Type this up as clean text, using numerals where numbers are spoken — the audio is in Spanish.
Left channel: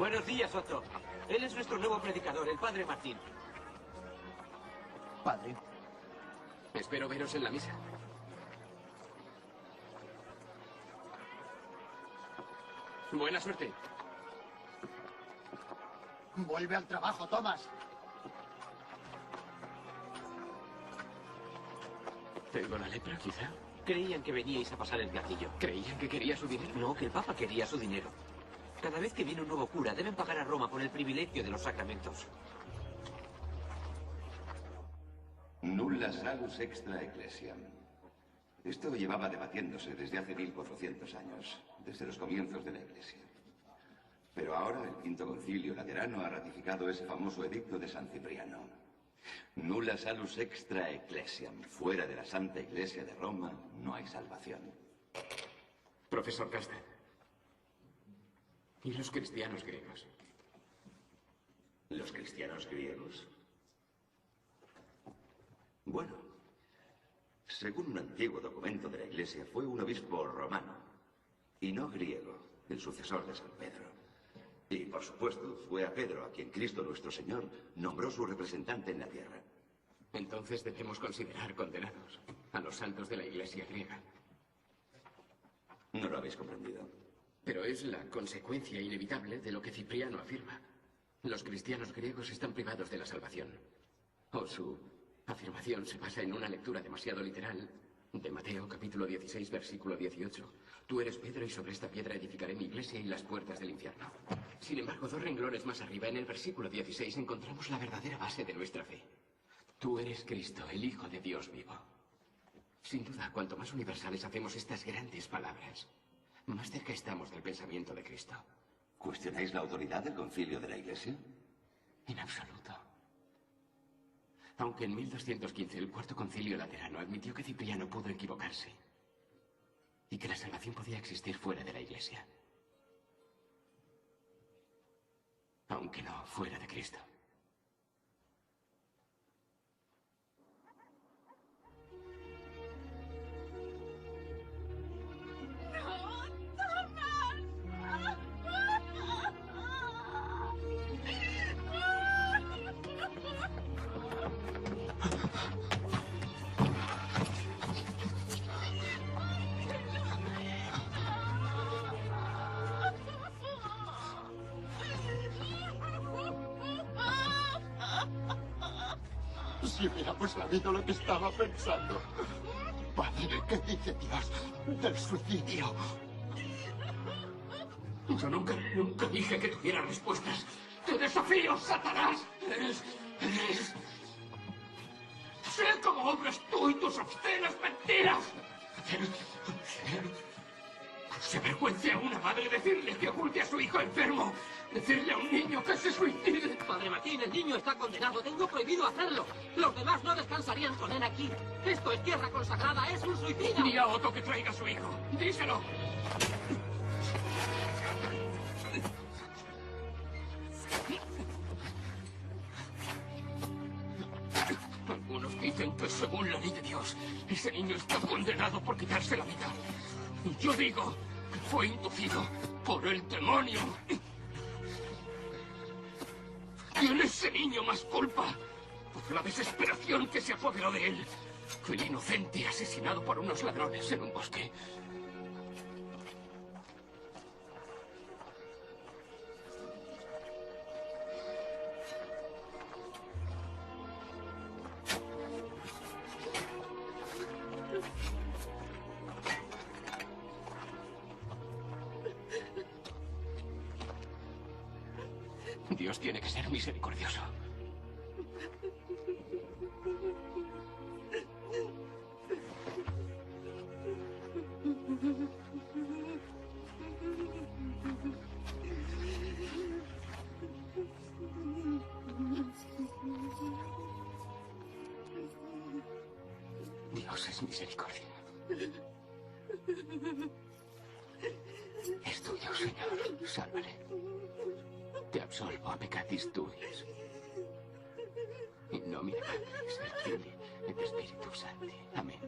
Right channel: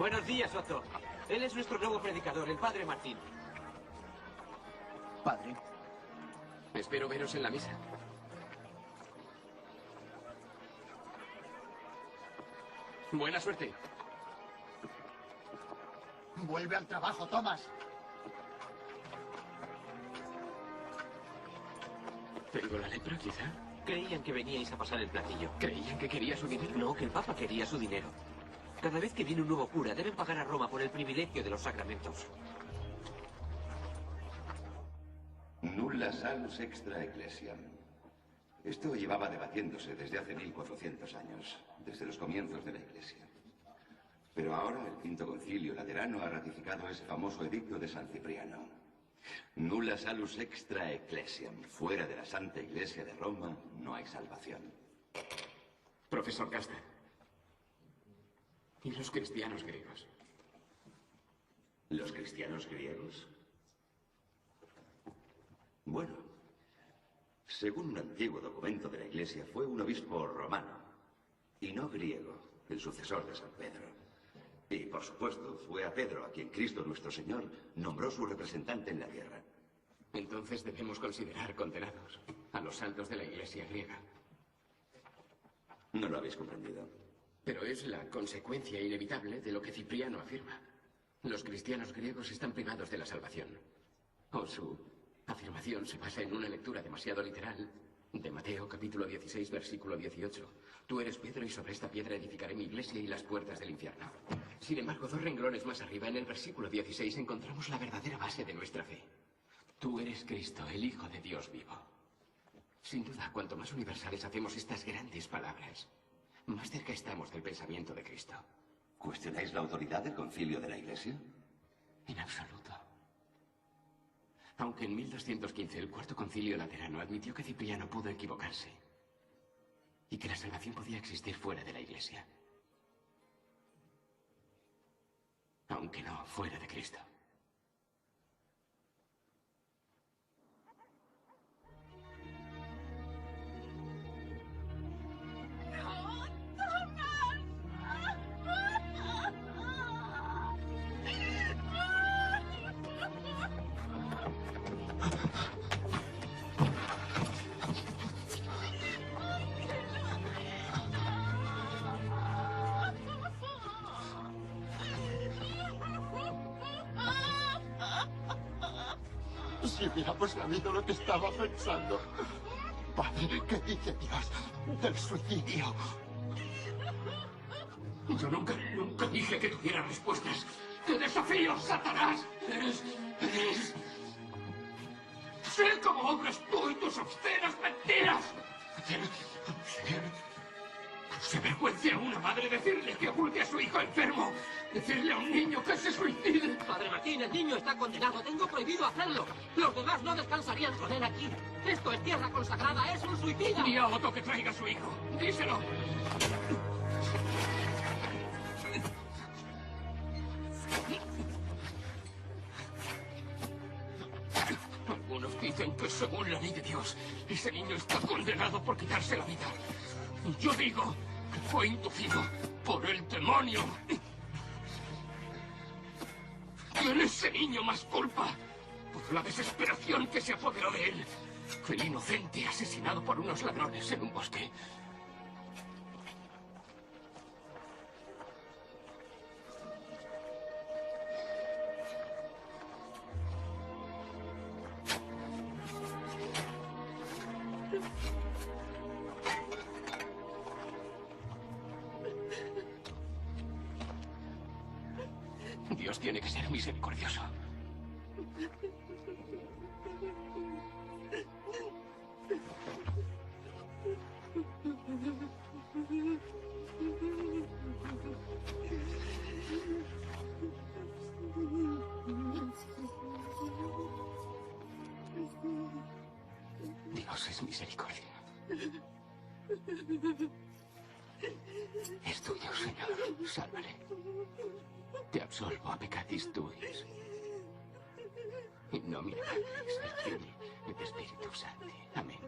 Buenos días, Otto. Él es nuestro nuevo predicador, el padre Martín. Padre. Espero veros en la misa. Buena suerte. Vuelve al trabajo, Thomas. ¿Tengo la lepra, quizá? Creían que veníais a pasar el platillo. ¿Creían que quería su dinero? No, que el Papa quería su dinero. Cada vez que viene un nuevo cura, deben pagar a Roma por el privilegio de los sacramentos. Nulla salus extra ecclesiam. Esto llevaba debatiéndose desde hace 1400 años, desde los comienzos de la Iglesia. Pero ahora el Quinto Concilio Laterano ha ratificado ese famoso edicto de San Cipriano. Nulla salus extra ecclesiam. Fuera de la Santa Iglesia de Roma no hay salvación. Profesor Casta. ¿Y los cristianos griegos? ¿Los cristianos griegos? Bueno, según un antiguo documento de la Iglesia, fue un obispo romano, y no griego, el sucesor de San Pedro. Y, por supuesto, fue a Pedro a quien Cristo nuestro Señor nombró su representante en la tierra. Entonces debemos considerar condenados a los santos de la Iglesia griega. No lo habéis comprendido. Pero es la consecuencia inevitable de lo que Cipriano afirma. Los cristianos griegos están privados de la salvación. O su afirmación se basa en una lectura demasiado literal de Mateo, capítulo 16, versículo 18. Tú eres Pedro y sobre esta piedra edificaré mi iglesia y las puertas del infierno. Sin embargo, 2 renglones más arriba, en el versículo 16, encontramos la verdadera base de nuestra fe. Tú eres Cristo, el Hijo de Dios vivo. Sin duda, cuanto más universales hacemos estas grandes palabras, más cerca estamos del pensamiento de Cristo. ¿Cuestionáis la autoridad del concilio de la Iglesia? En absoluto. Aunque en 1215 el Cuarto Concilio Laterano admitió que Cipriano pudo equivocarse y que la salvación podía existir fuera de la Iglesia. Aunque no fuera de Cristo. Si hubiéramos sabido lo que estaba pensando. Padre, ¿qué dice Dios del suicidio? Yo nunca dije que tuviera respuestas. ¡Te desafío, Satanás! Eres... Sé cómo obras tú y tus obscenas mentiras. Se avergüence a una madre decirle que oculte a su hijo enfermo. Decirle a un niño que se suicide. Padre Martín, el niño está condenado. Tengo prohibido hacerlo. Los demás no descansarían con él aquí. Esto es tierra consagrada. Es un suicida. Di a Otto que traiga a su hijo. Díselo. Algunos dicen que según la ley de Dios, ese niño está condenado por quitarse la vida. Yo digo que fue inducido por el demonio. ¿Tiene ese niño más culpa por la desesperación que se apoderó de él que el inocente asesinado por unos ladrones en un bosque? Dios tiene que ser misericordioso. Dios es misericordia. Es tuyo, Señor. Sálvale. Te absolvo a peccatis tuis. In nomine Patris et Filii et Spiritus Sancti. Amén.